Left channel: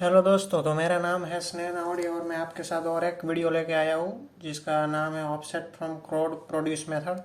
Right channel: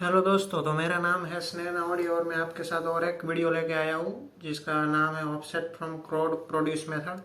Hello दोस्तों, तो मेरा नाम है स्नेह नावड़ी और मैं आपके साथ और एक वीडियो लेके आया हूँ जिसका नाम है offset from crowd produce method.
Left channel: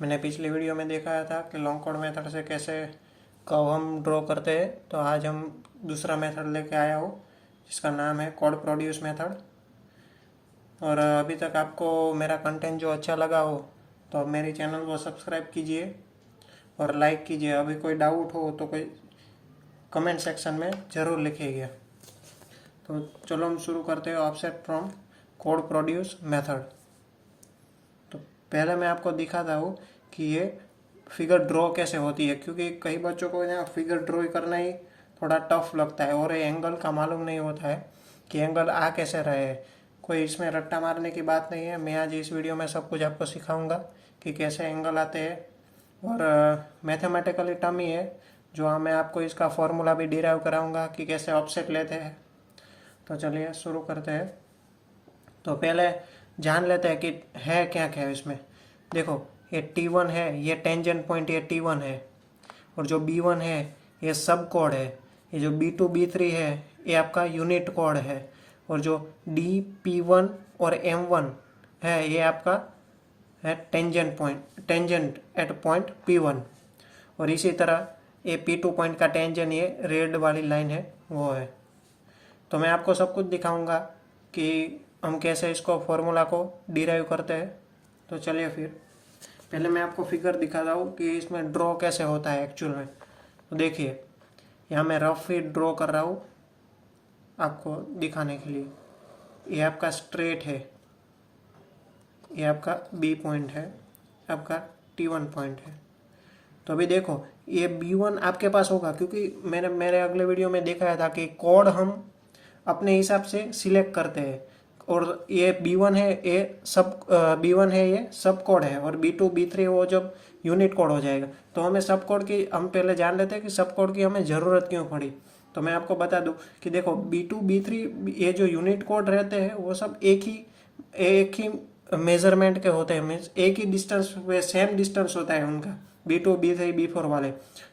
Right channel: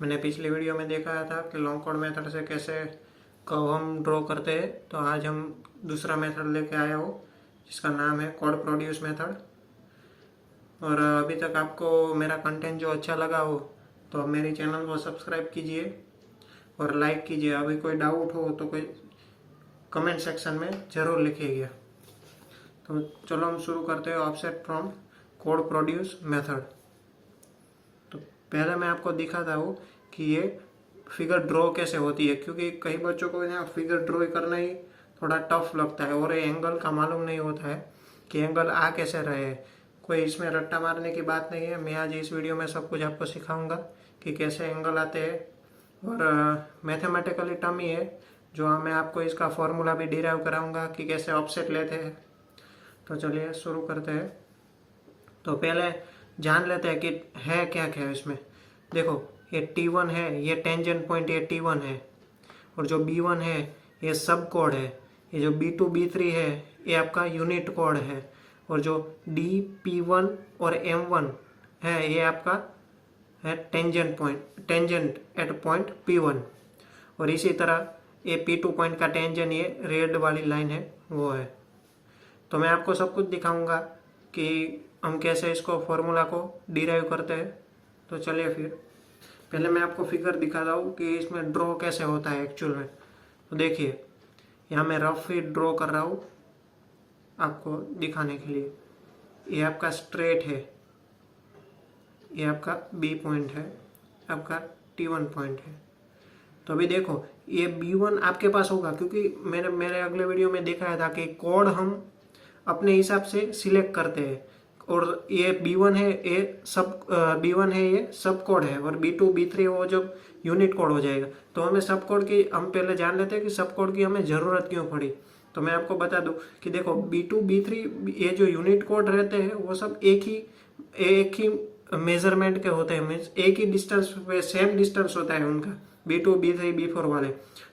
मैंने पिछली वीडियो में दिखाया था कि लॉन्ग कोड मेथड से कैसे कर्व हम ड्रॉ करते हैं। तो आज हम दूसरा मेथड लेके आया हूँ जिसका नाम है कोड प्रोड्यूस मेथड। और अभी तक आपको मेरा कंटेंट जो अच्छा लगा हो तो मेरे चैनल को सब्सक्राइब कीजिए और लाइक कीजिए। अभी कोई डाउट हो तो कोई कमेंट सेक्शन में ज़रूर लिखिएगा। तो चलो हम शुरू करते हैं offset from code produce method. तो पहले मैं आपको दिखाता हूँ कि ये फिगर ड्रॉ कैसे होती है, क्योंकि कई बच्चों को ना फिगर ड्रॉ करना ही थोड़ा टफ लगता है और ये एंगल का मालूम नहीं होता है कि एंगल आ कैसे रहे हैं। कोई इसमें रट्टा मारने की बात नहीं है। मैं आज इस वीडियो में सब कुछ आपको सिखाऊंगा कि कैसे एंगल आते हैं। और मैथमेटिकली टर्म ही है जो मैं आपको इसका फॉर्मूला भी डिराइव कराऊंगा कि कैसे ऑफसेट लेते हैं। तो चलिए शुरू करते हैं। तो पहले जान लेते हैं कि है क्या क्या है इसमें। देखो, ये T1 है, ये टेंजेंट पॉइंट ये T1 है, और जो B1 है ये सब कोड है। ये जो B2 B3 है ये आपका यूनिट कोड है, और जो D P1 और M1 है ये आपका है tangent point, tangent at point P1। और इसी तरह ये P2 पॉइंट का टेंजेंट ये रेड वाली लाइन है वो है। तो मैं आपको सब कुछ दिखाऊंगा कि हम कैसे इसको फॉर्मूला को डिराइव करते हैं। तो चलिए फिर पहले मैं आपको फिगर दिखाता हूँ कि इसमें ड्रॉ कैसे होता है एक्चुअल में। तो देखिए, यहाँ मैं रफ ही ड्रॉ कर रहा हूँ आपको दिखाने के लिए। ये आपका स्ट्रेट है, ये आपका बी पॉइंट है, आपका T1 पॉइंट है। तो अभी देखो, ये B1 आपके पास होगा क्योंकि मैंने मेरे अगले वीडियो में दिखाया था कि कोड हम अपने हिसाब से सिलेक्ट करते हैं। और ये B1 है, ये सब B1 है, ये सब कोड है, और B2 B3 वो जब यूनिट कोड हो जाएगा। तो हमें सब कोड की, हम पहले जान लेते हैं कि सब कोड की हमें ज़रूरत क्यों पड़ी। तो मैं आपको बता दूं कि देखो, B2 B3 ये जो यूनिट कोड रहते हैं वो सब एक ही मेजरमेंट के होते हैं। मीन्स एक ही डिस्टेंस, सेम डिस्टेंस होता है उनका, B2 B3 B4 वाले।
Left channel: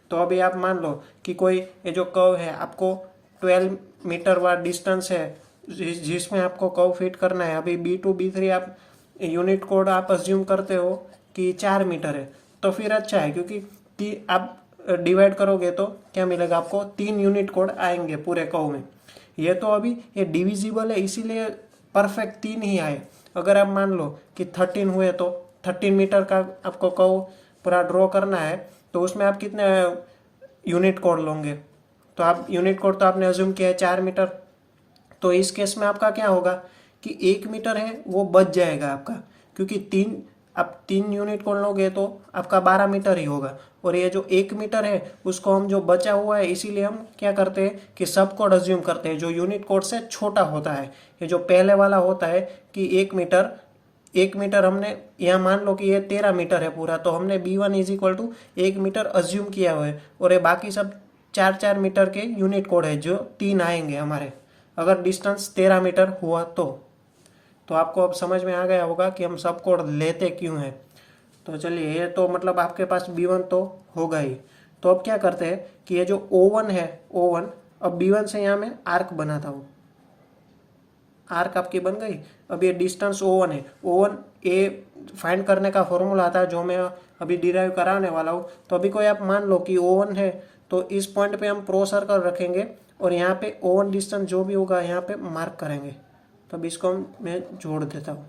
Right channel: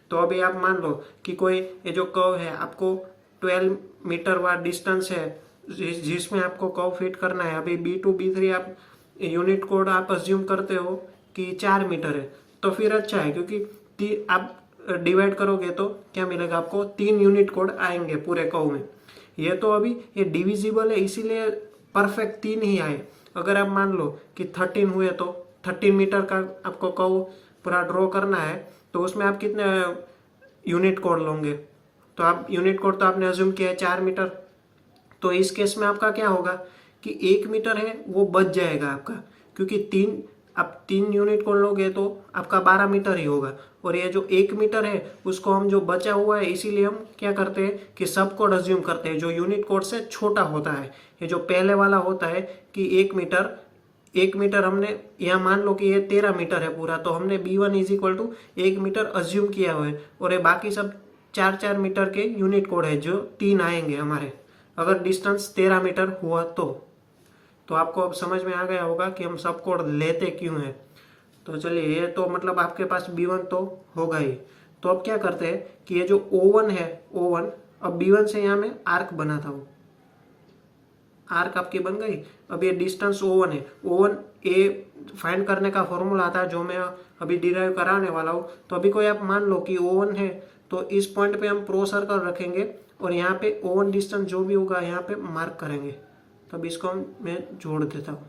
तो अभी आप मान लो कि कोई ये जो कर्व है आपको 12 मीटर वाला डिस्टेंस है जिसमें आपको कर्व फिट करना है। अभी B2 B3 आप यूनिट कोड आप अज्यूम करते हो कि 4 मीटर है, तो फिर अच्छा है क्योंकि आप डिवाइड करोगे तो क्या मिलेगा आपको, 3 यूनिट कोड आएंगे पूरे कर्व में। ये तो अभी ये डिविजिबल है इसीलिए परफेक्ट 3 ही आए। अगर आप मान लो कि 13 हुए तो 13 मीटर का आपको कर्व पूरा ड्रॉ करना है, तो उसमें आप कितने यूनिट कोड लोगे। तो आप यूनिट कोड तो आपने अज्यूम किया है 4 मीटर। तो इस केस में आपका क्या होगा कि 1 मीटर है वो बच जाएगा आपका, क्योंकि आप 3 यूनिट कोड लोगे तो आपका 12 मीटर ही होगा। और ये जो 1 मीटर है उसको हम जो बचा हुआ है इसीलिए हम क्या करते हैं कि सब कोड अज्यूम करते हैं जो यूनिट कोड से छोटा होता है। ये जो पहले वाला होता है कि 1 मीटर, 1 मीटर हमने यहाँ मान लो कि ये 13 मीटर है पूरा, तो हमने B1 is equal to 1 metre assume किया हुआ है। और ये बाकी सब 4 4 मीटर के यूनिट कोड है जो 3 आएंगे हमारे, अगर डिस्टेंस 13 मीटर हुआ तो आपको अब समझ में आ गया होगा कि हम सब कोड लेते क्यों हैं। तो चलिए, ये तो मतलब आपके पास B1 तो होगा ही। तो अब क्या करते हैं कि ये जो O1 है, O1, अब B1 से यहाँ मैं आर्क बनाता हूँ। आर्क आपकी बन गई। अब ये डिस्टेंस O1 है, O1 ए फाइंड करने का फॉर्मूला आता है जो मैं अभी डिराइव कराने वाला हूँ। तो अभी कोई आप मान लो कि O1 है, तो इस पॉइंट पे हम प्रो सर्कल रखेंगे और यहाँ पे O1 डिस्टेंस जो भी होगा यहाँ पे मार्क करेंगे। तब इसको मैं जोड़ देता हूँ,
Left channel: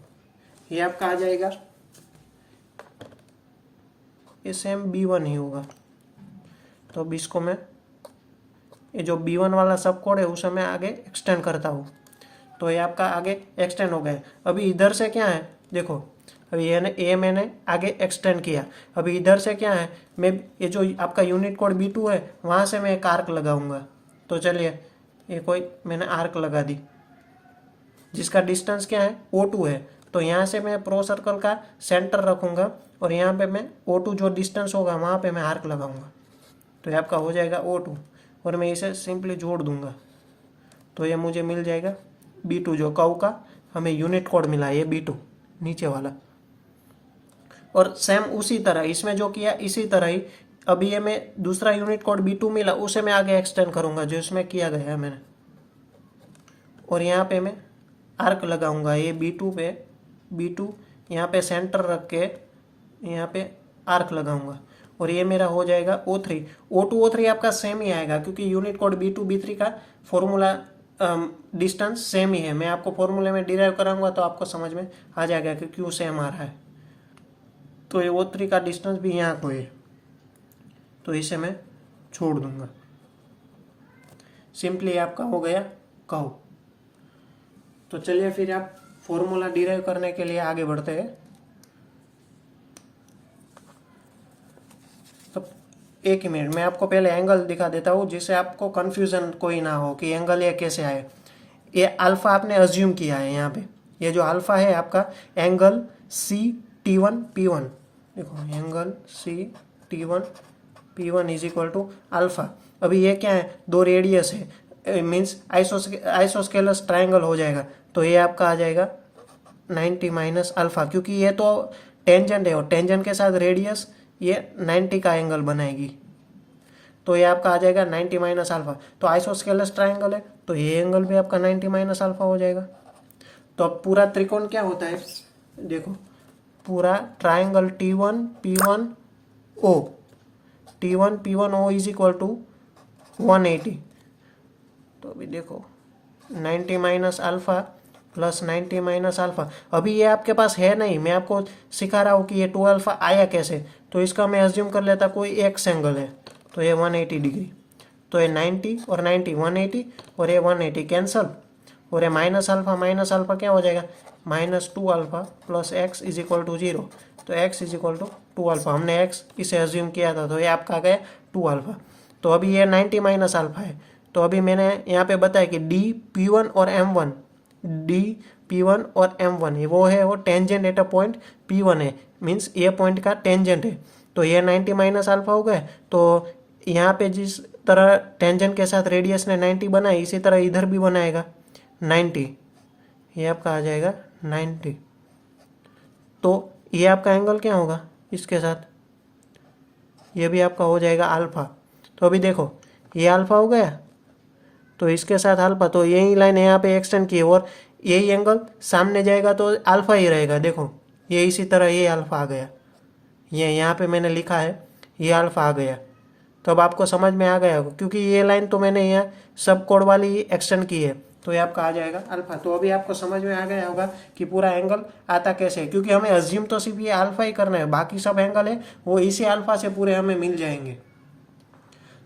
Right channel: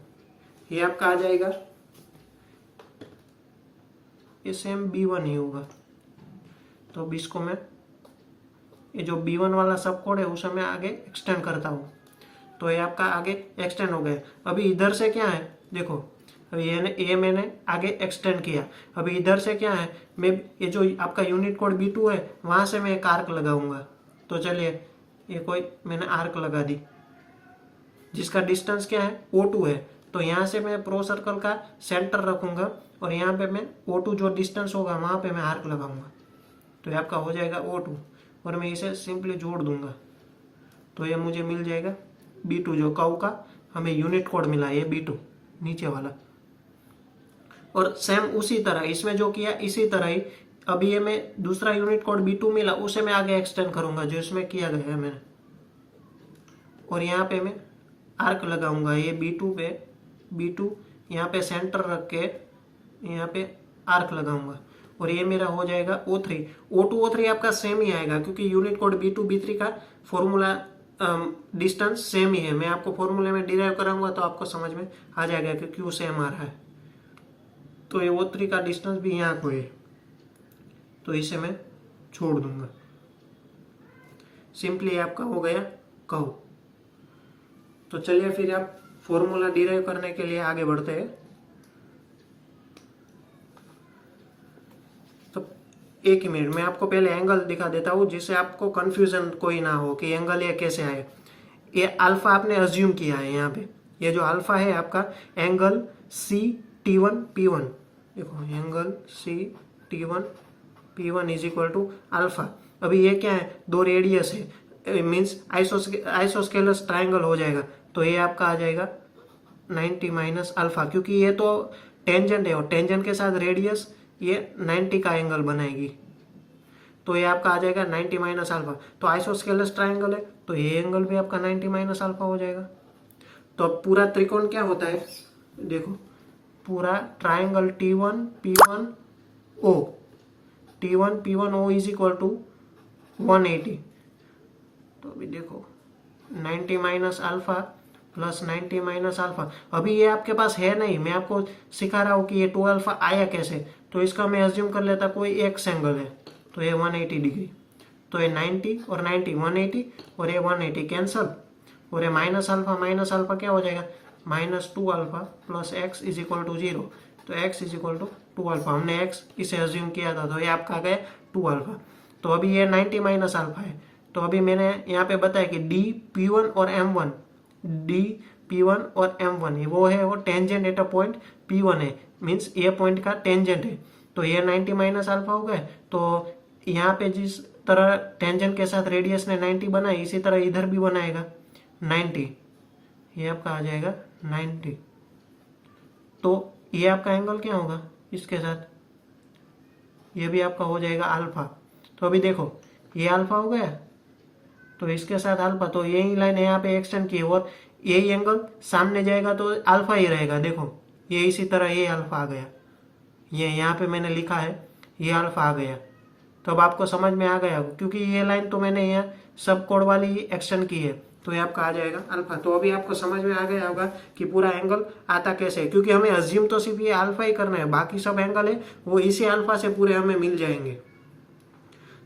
ये आपका आ जाएगा। ये सेम B1 ही होगा। तो अब इसको मैं, ये जो B1 वाला सब कोड है उसे मैं आगे एक्सटेंड करता हूँ। तो ये आपका आगे एक्सटेंड हो गया। अभी इधर से क्या है, देखो, अभी ये मैंने आगे एक्सटेंड किया। अभी इधर से क्या है, मैं ये जो आपका यूनिट कोड B2 है वहाँ से मैं एक आर्क लगाऊंगा। तो चलिए, ये कोई मैंने आर्क लगा दी जिसका डिस्टेंस क्या है, O2 है। तो यहाँ से मैं प्रो सर्कल का सेंटर रखूंगा और यहाँ पे मैं O2 जो डिस्टेंस होगा वहाँ पे मैं आर्क लगाऊंगा। तो ये आपका हो जाएगा O2, और मैं इसे सिंपली जोड़ दूंगा। तो ये मुझे मिल जाएगा B2, जो कर्व का हमें यूनिट कोड मिला है, ये B2 नीचे वाला। और सेम उसी तरह इसमें जो किया इसी तरह ही अभी ये मैं दूसरा यूनिट कोड B2 मिला उसे मैं आगे एक्सटेंड करूंगा जो इसमें किया गया है मैंने। और यहाँ पे मैं आर्क लगाऊंगा, ये B2 पे, B2 यहाँ पे सेंटर रख के यहाँ पे आर्क लगाऊंगा, और ये मेरा हो जाएगा O3। O2 O3 आपका सेम ही आएगा, क्योंकि यूनिट कोड B2 B3 का फॉर्मूला डिस्टेंस सेम ही है। मैं आपको फॉर्मूले में डिराइव कराऊंगा तो आपको समझ में आ जाएगा कि क्यों सेम आ रहा है। तो ये O3 का डिस्टेंस भी यहाँ को है, तो इसे मैं छोड़ दूंगा। सिंपली आपका हो गया कर्व। तो चलिए फिर आप फॉर्मूला डिराइव करने के लिए आगे बढ़ते हैं। तो एक ही मिनट, मैं आपको पहले एंगल दिखा देता हूँ, जिससे आपको कंफ्यूजन कोई ना हो कि एंगल ये कैसे आए। ये अल्फा आपने अज्यूम किया है यहाँ पे, ये जो अल्फा है आपका एंगल CT1P1, देखो angle CT1P1 is equal to alpha. अभी ये क्या है, दो रेडियस है, मीन्स आइसोस्केलस ट्राइंगल हो जाएगा, तो ये आपका आ जाएगा 90 माइनस अल्फा, क्योंकि ये तो टेंजेंट है और टेंजेंट के साथ रेडियस ये 90 का एंगल बनाएगी, तो ये आपका आ जाएगा 90 माइनस अल्फा। तो आइसोस्केलस ट्राइंगल है, तो ये एंगल भी आपका 90 माइनस अल्फा हो जाएगा। तो अब पूरा त्रिकोण क्या होता है, देखो पूरा triangle T1P1O is equal to 180। तो अभी देखो 90 minus alpha plus 90 minus alpha, अभी ये आपके पास है नहीं, मैं आपको सिखा रहा हूँ कि ये 2 अल्फा आया कैसे। तो इसका मैं अज्यूम कर लेता कोई एक्स एंगल है, तो ये 180 डिग्री, तो ये 90 और 90 180 और ये 180 कैंसल, और ये माइनस अल्फा क्या हो जाएगा, -2 alpha plus x is equal to 0। तो x is equal to 2 alpha, हमने एक्स इसे अज्यूम किया था, तो ये आपका आ गया 2 अल्फा। तो अभी ये 90 माइनस अल्फा है, तो अभी मैंने यहाँ पे बताया कि DP1 और M1, DP1 और M1 वो है वो tangent at a point P1 है, मीन्स ये पॉइंट का टेंजेंट है। तो ये 90 माइनस अल्फा हो गए। तो यहाँ पे जिस तरह टेंजेंट के साथ रेडियस ने 90 बनाया, इसी तरह इधर भी बनाएगा 90, ये आपका आ जाएगा 90। तो ये आपका एंगल क्या होगा इसके साथ, ये भी आपका हो जाएगा अल्फा। तो अभी देखो ये अल्फा हो गया, तो इसके साथ अल्फा, तो यही लाइन यहाँ पे एक्सटेंड की और यही एंगल सामने जाएगा तो अल्फा ही रहेगा। देखो ये इसी तरह ये अल्फा आ गया, ये यहाँ पे मैंने लिखा है ये अल्फा आ गया। तो अब आपको समझ में आ गया होगा, क्योंकि ये लाइन तो मैंने यहाँ सब कोड वाली एक्सटेंड की है, तो ये आपका आ जाएगा अल्फा। तो अभी आपको समझ में आ गया होगा कि पूरा एंगल आता कैसे है, क्योंकि हमें अज्यूम तो सिर्फ ये अल्फा ही करना है, बाकी सब एंगल है वो इसी अल्फा से पूरे हमें मिल जाएंगे।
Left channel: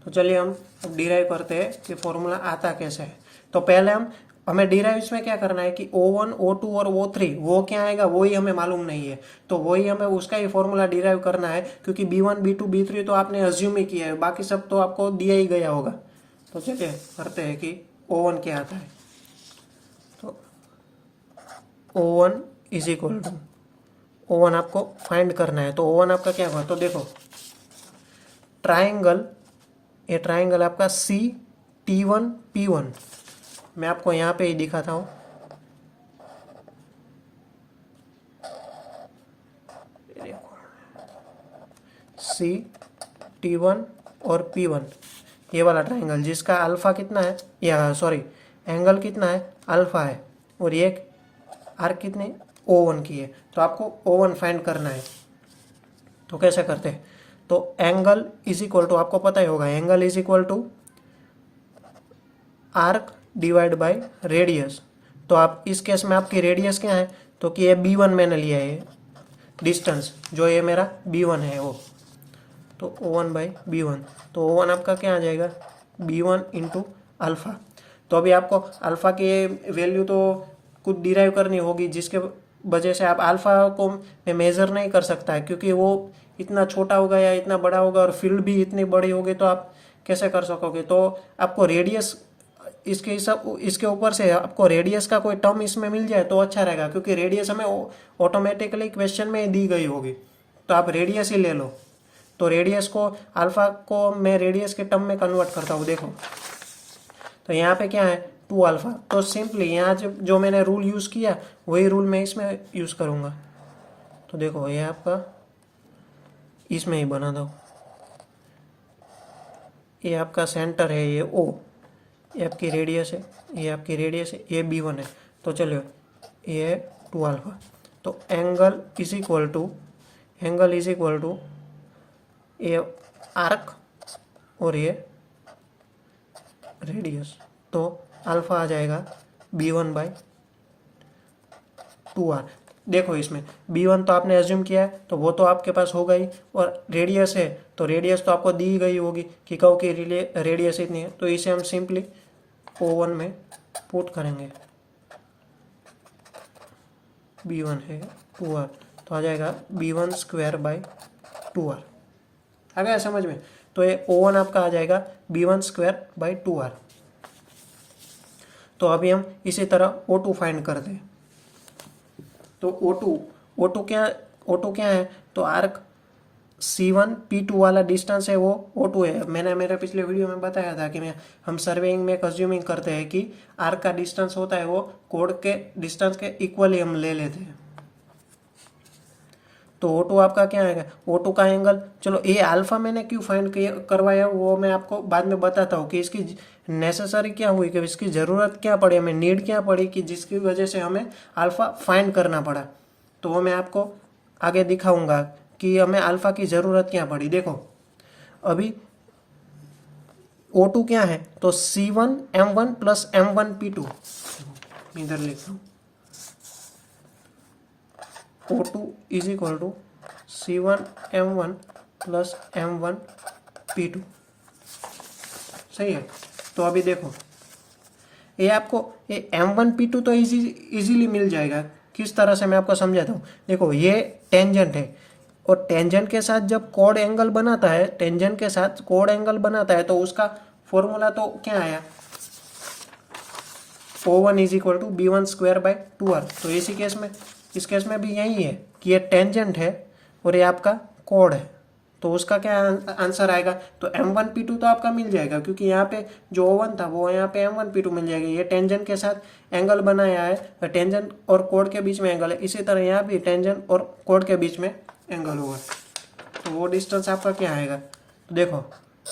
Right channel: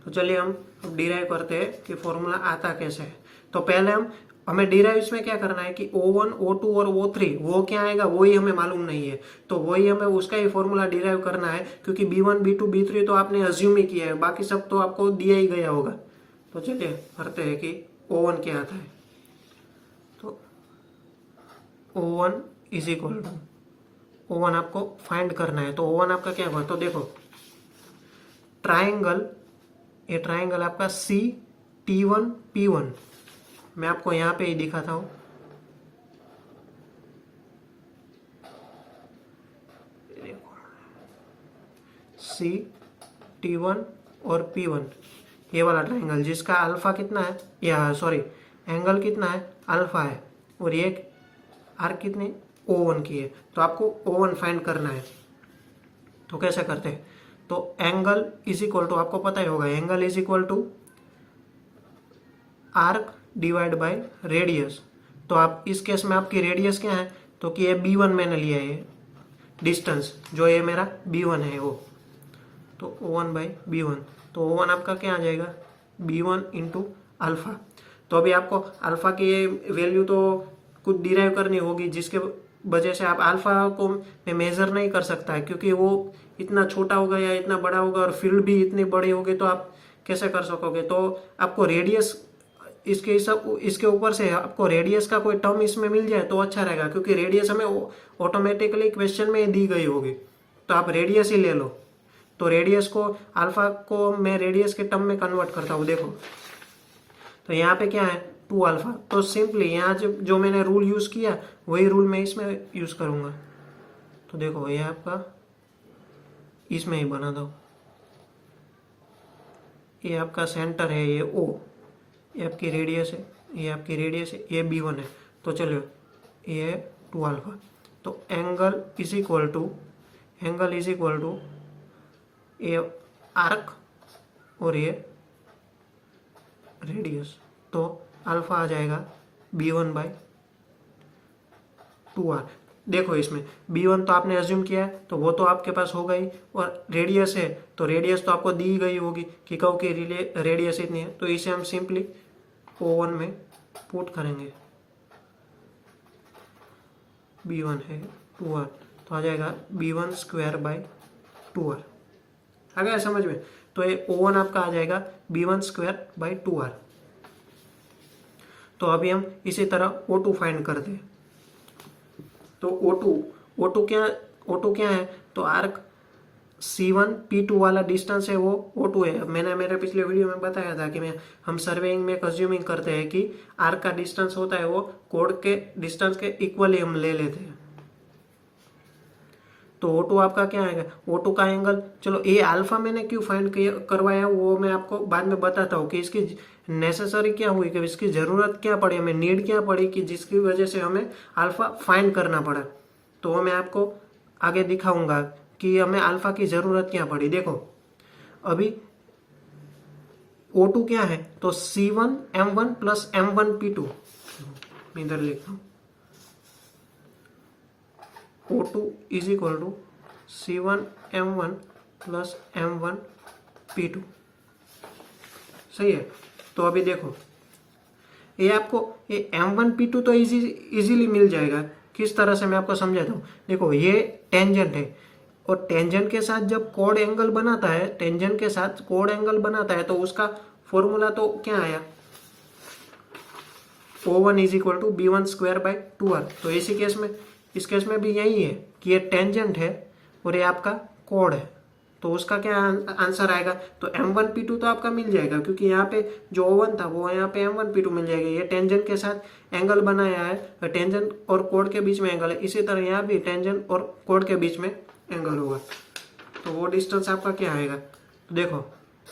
तो चलिए हम अब डिराइव करते हैं कि फॉर्मूला आता कैसे है। तो पहले हमें डिराइव इसमें क्या करना है कि O1 O2 और O3 वो क्या आएगा वही हमें मालूम नहीं है, तो वही हमें उसका ही फॉर्मूला डिराइव करना है, क्योंकि B1 B2 B3 तो आपने अज्यूम ही किया है, बाकी सब तो आपको दिया ही गया होगा। तो चलिए करते हैं कि O1 क्या आता है। तो O1 is equal to, O1 आपको फाइंड करना है, तो O1 आपका क्या हुआ, तो देखो ट्राइंगल, ये ट्राइंगल आपका CT1P1, मैं आपको यहाँ पे ही दिखाता हूँ। CT1 और P1 ये वाला ट्राइंगल जिसका अल्फा कितना है, या सॉरी एंगल कितना है अल्फा है, और ये आर्क कितनी O1 की है। तो आपको O1 फाइंड करना है, तो कैसे करते हैं, तो एंगल इज इक्वल टू, आपको पता ही होगा angle is equal to arc divide by radius. तो आप इस केस में आपकी रेडियस क्या है, तो कि ये B1 मैंने लिया है डिस्टेंस, जो ये मेरा B1 है वो, तो O1 बाई B1, तो O1 आपका क्या आ जाएगा B1 इंटू अल्फा। तो अभी आपको अल्फा की वैल्यू तो कुछ डिराइव करनी होगी, जिसके वजह से आप अल्फा को मैं मेजर नहीं कर सकता है, क्योंकि वो इतना छोटा होगा या इतना बड़ा होगा, और फील्ड भी इतनी बड़ी होगी, तो आप कैसे कर सकोगे। तो आपको रेडियस इसके ऊपर से आपको रेडियस का कोई टर्म इसमें मिल जाए तो अच्छा रहेगा, क्योंकि रेडियस हमें ऑटोमेटिकली क्वेश्चन में दी गई होगी, तो आप रेडियस ही ले लो। तो रेडियस को अल्फा को मैं रेडियस के टर्म में कन्वर्ट करता हूँ। देखो तो यहाँ पे क्या है 2 अल्फा, तो सिंपली यहाँ जो मैंने रूल यूज़ किया वही रूल मैं इसमें यूज़ करूँगा। तो देखो ये आपका इसमें ही बना दो, ये आपका सेंटर है ये O, ये आपकी रेडियस है, ये आपकी रेडियस है, ये B1 है। तो चलो ये 2 अल्फा, तो एंगल इज इक्वल टू ये आर्क और ये रेडियस, तो अल्फा आ जाएगा B1/2R। देखो इसमें B1 तो आपने एज्यूम किया है, तो वो तो आपके पास होगा ही, और रेडियस है तो रेडियस तो आपको दी गई होगी कि कहो कि रेडियस इतनी है, तो इसे हम सिंपली O1 में पुट करेंगे। B1 है 2R, तो आ जाएगा B1/2R। आ गया समझ में? तो ये O1 आपका आ जाएगा B1/2R। तो अभी हम इसी तरह O2 फाइंड करते हैं। तो O2 क्या है? तो आर्क C1 P2 वाला डिस्टेंस है, वो O2 है। मैंने मेरे पिछले वीडियो में बताया था कि हम सर्वेइंग में अज्यूमिंग करते हैं कि आर्क का डिस्टेंस होता है वो कोड के डिस्टेंस के इक्वली हम ले लेते हैं। तो O2 आपका क्या आएगा? O2 का एंगल, चलो ये अल्फा मैंने क्यों फाइंड करवाया वो मैं आपको बाद में बताता हूँ कि इसकी नेसेसरी क्या हुई, कि इसकी ज़रूरत क्या पड़ी, हमें नीड क्या पड़ी कि जिसकी वजह से हमें अल्फा फाइंड करना पड़ा। तो वो मैं आपको आगे दिखाऊंगा कि हमें अल्फा की ज़रूरत क्या पड़ी। देखो अभी O2 क्या है? तो C1M1 प्लस M1P2, इधर लिख दो। O2 is equal to C1M1 plus M1P2, सही है। तो अभी देखो ये आपको ये M1P2 तो इजीली मिल जाएगा। किस तरह से मैं आपको समझाता हूँ। देखो ये टेंजेंट है, और टेंजेंट के साथ जब कोड एंगल बनाता है, तो उसका फॉर्मूला तो क्या आया? O1 is equal to B1/2R। तो इस केस में भी यही है कि ये टेंजेंट है और ये आपका कोड है, तो उसका क्या आंसर आएगा? तो M1P2 तो आपका मिल जाएगा, क्योंकि यहाँ पे जो O1 था वो यहाँ पे M1P2 मिल जाएगा। ये टेंजेंट के साथ एंगल बनाया है, टेंजेंट और कोड के बीच में एंगल है। इसी तरह यहाँ भी टेंजेंट और कोड के बीच में एंगल होगा, तो वो डिस्टेंस आपका क्या आएगा? तो देखो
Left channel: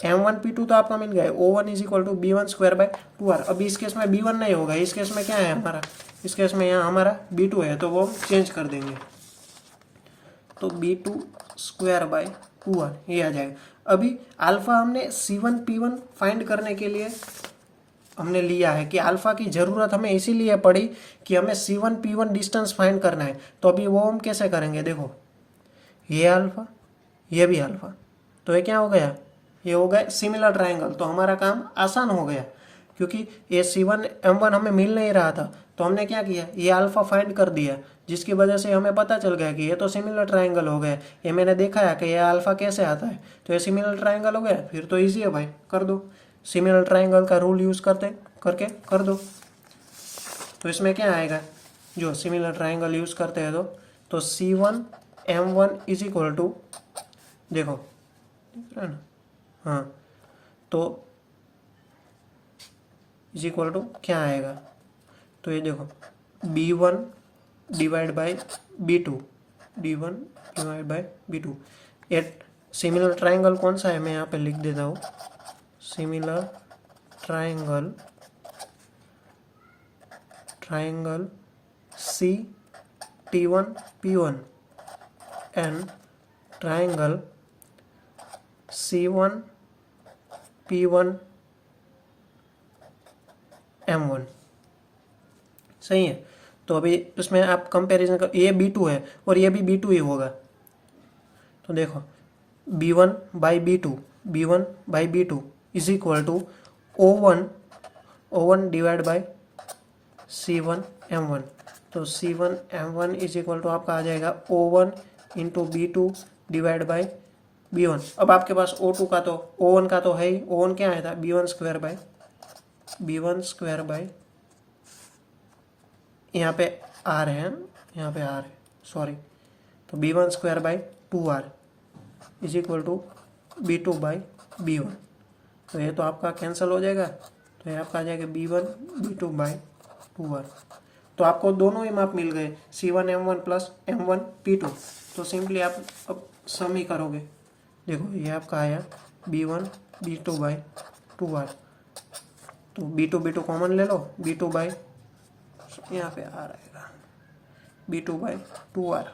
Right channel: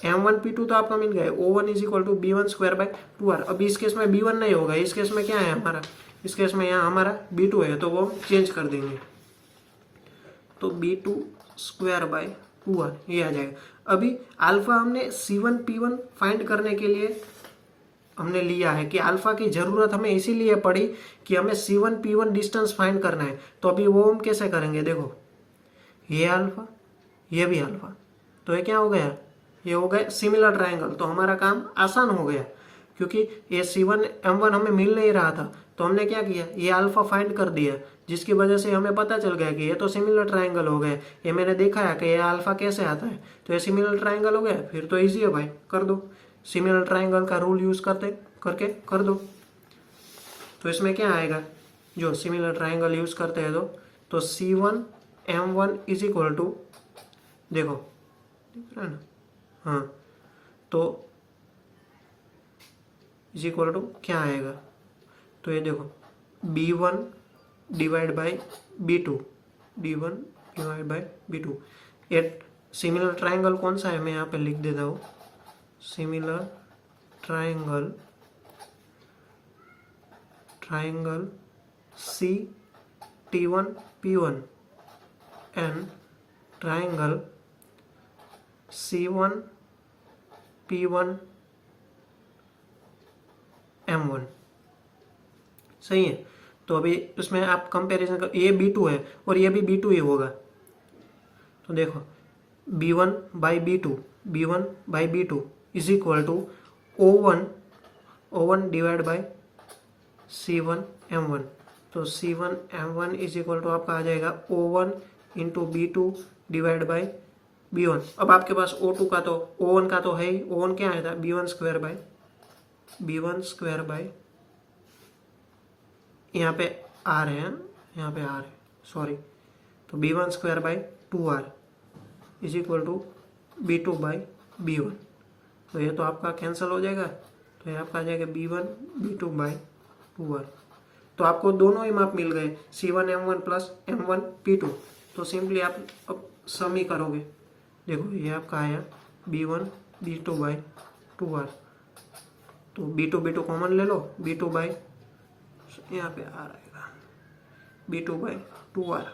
M1P2 तो आपका मिल गया, O1 is equal to B1/2R। अभी इस केस में B1 नहीं होगा, इस केस में क्या है हमारा? इस केस में यहाँ हमारा B2 है, तो वो चेंज कर देंगे, तो B2/2R ये आ जाएगा। अभी अल्फा हमने C1P1 फाइंड करने के लिए हमने लिया है कि अल्फा की जरूरत हमें इसीलिए पड़ी कि हमें C1P1 डिस्टेंस फाइंड करना है। तो अभी वो हम कैसे करेंगे? देखो ये अल्फा, ये भी अल्फा, तो ये क्या हो गया? ये हो गया सिमिलर ट्रायंगल। तो हमारा काम आसान हो गया, क्योंकि ये C1M1 हमें मिल नहीं रहा था, तो हमने क्या किया? ये अल्फा फाइंड कर दिया, जिसकी वजह से हमें पता चल गया कि ये तो सिमिलर ट्रायंगल हो गया। ये मैंने देखा है कि ये अल्फा कैसे आता है, तो ये सिमिलर ट्रायंगल हो गया। फिर तो इजी है भाई, कर दो। सिमिलर ट्रायंगल का रूल यूज करके कर दो। तो इसमें क्या आएगा? जो सिमिलर ट्रायंगल यूज करते हैं तो C1M1 इज इक्वल टू, देखो दिख रहा है ना? हाँ, तो इज इक्वल टू क्या आएगा? तो ये देखो B1 divide by B2, B1 divide by B2। ये सिमिलर ट्रायंगल कौन सा है मैं यहाँ पे लिख देता हूँ। Similar triangle CT1P1 and triangle C1P1M1, सही है। तो अभी इसमें आप कंपैरिजन कर, ये B2 है और ये भी B2 ही होगा। तो देखो B1/B2 is equal to O1 divide by C1M1। तो C1M1 इज इक्वल टू आपका आ जाएगा O1 into B2 divide by B1। अब आपके पास O2 का तो O1 का तो है ही, O1 क्या आया था? B1 बाई यहाँ पे R है, यहाँ पे R है, सॉरी। तो B1/2R is equal to B2/B1। तो ये तो आपका कैंसिल हो जाएगा, तो ये आपका आ जाएगा B1B2/2R। तो आपको दोनों ही माप मिल गए, C1M1 प्लस M1P2। तो सिंपली आप अब सम ही करोगे। देखो ये आपका आया B1B2/2R। तो B2 कॉमन ले लो, B2 बाई यहाँ पे आ रहेगा B2 by 2R,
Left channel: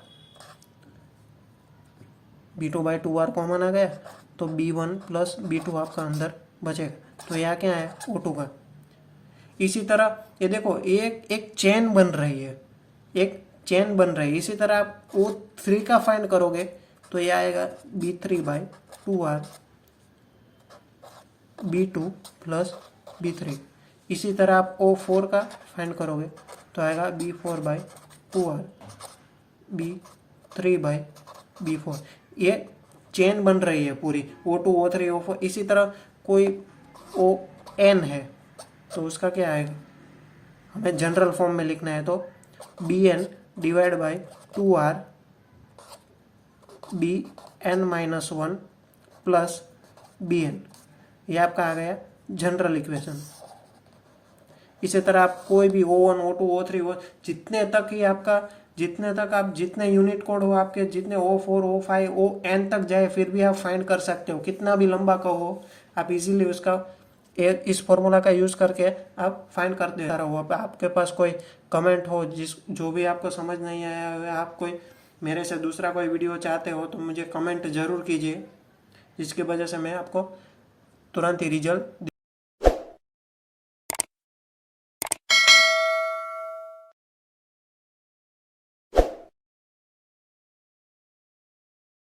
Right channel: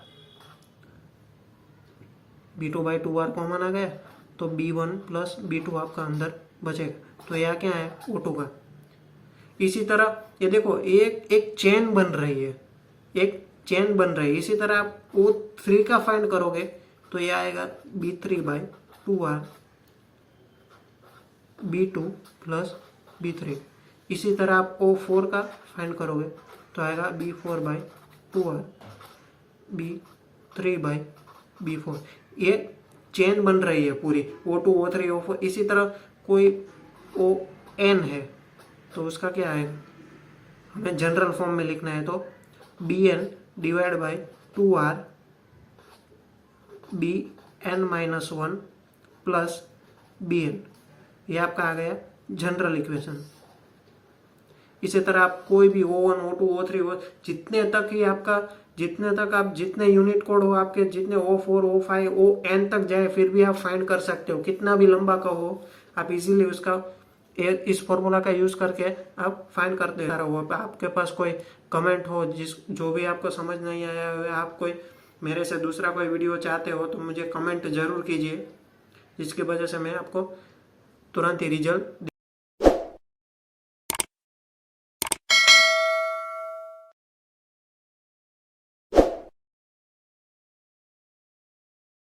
B2 by 2R common आ गया तो B1 प्लस B2 आपका अंदर बचेगा। तो यहाँ क्या है O2 का। इसी तरह ये देखो एक चेन बन रही है, एक चेन बन रही है। इसी तरह आप O3 का फाइंड करोगे तो ये आएगा B3 by 2R B2 plus B3। इसी तरह आप O4 का फाइंड करोगे तो आएगा B4 by 2R B3 by B4। ये चेन बन रही है पूरी, O2 O3 O4। इसी तरह कोई ON है तो उसका क्या आएगा, हमें जनरल फॉर्म में लिखना है तो BN divide by 2R BN-1 plus BN। ये आपका आ गया जनरल इक्वेशन। इसी तरह आप कोई भी O1 O2 O3 जितने तक आप जितने यूनिट कोड हो आपके, जितने O4 O5 ON तक जाए फिर भी आप फाइंड कर सकते हो। कितना भी लंबा का हो आप इजीली उसका इस फॉर्मूला का यूज करके आप फाइंड करते रहो। आपके पास कोई कमेंट हो जो भी आपको समझ नहीं आया है, आप कोई मेरे से दूसरा कोई वीडियो चाहते हो तो मुझे कमेंट जरूर कीजिए, जिसकी वजह से मैं आपको तुरंत ही रिजल्ट